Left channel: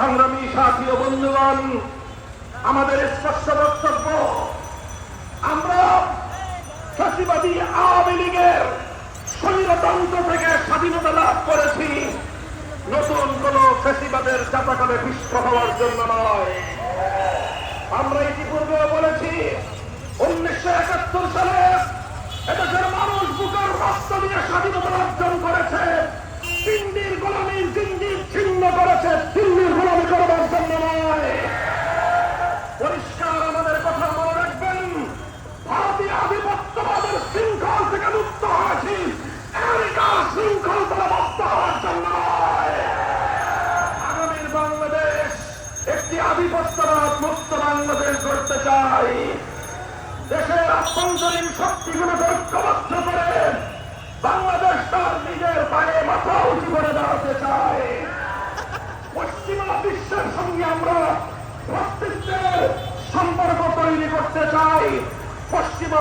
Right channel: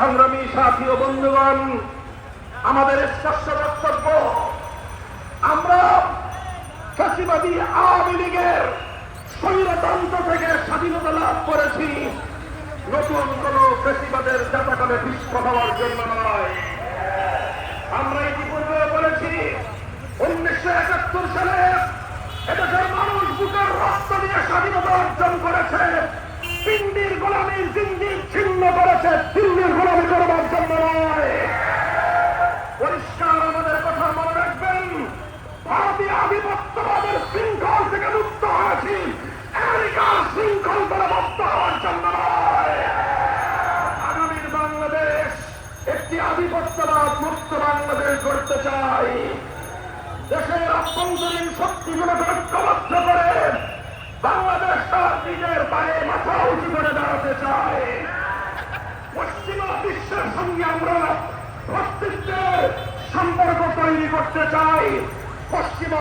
সংগ্রামী সাথী ও বন্ধুগণ, আমাদের স্পষ্ট বক্তব্য, আমরা ফ্যাসিবাদী আওয়ামী লীগের স্বৈরতন্ত্র থেকে স্বাধীনতা লাভ করেছি, নতুন কোন ফ্যাসিবাদের জাতাকলে পুষ্ট হওয়ার জন্য নয়। আমরা ইতিপূর্বে বলেছি 1971 সালে এদেশের মানুষ বুকের রক্ত দিয়ে স্বাধীনতা অর্জন করেছে, পিণ্ডির গোলামীর জিঞ্জির ছিন্ন করেছে, দিল্লির গোলামী করবার জন্য নয়। পরিষ্কার আমাদের কথা মনে রাখবেন, ভারতীয় আধিপত্যবাদের শৃঙ্খল থেকে মুক্ত হয়েছি, আমেরিকার শৃঙ্খল দ্বারা মুক্ত হওয়ার জন্য নয়। আগামীর বাংলাদেশ একটি আধিপত্যবাদ মুক্ত বাংলাদেশ গড়তে চাই। দেশের অভ্যন্তরীণ শক্তিগুলোকে ঐক্যবদ্ধ করে বাংলাদেশ তার নিজের পায়ে মাথা উঁচু করে দাঁড়াতে চায়। পশ্চিমা বিশ্বের সঙ্গে আমরা অস্তিত্বের সম্পর্ক তৈরি করতে চাই। পশ্চিমা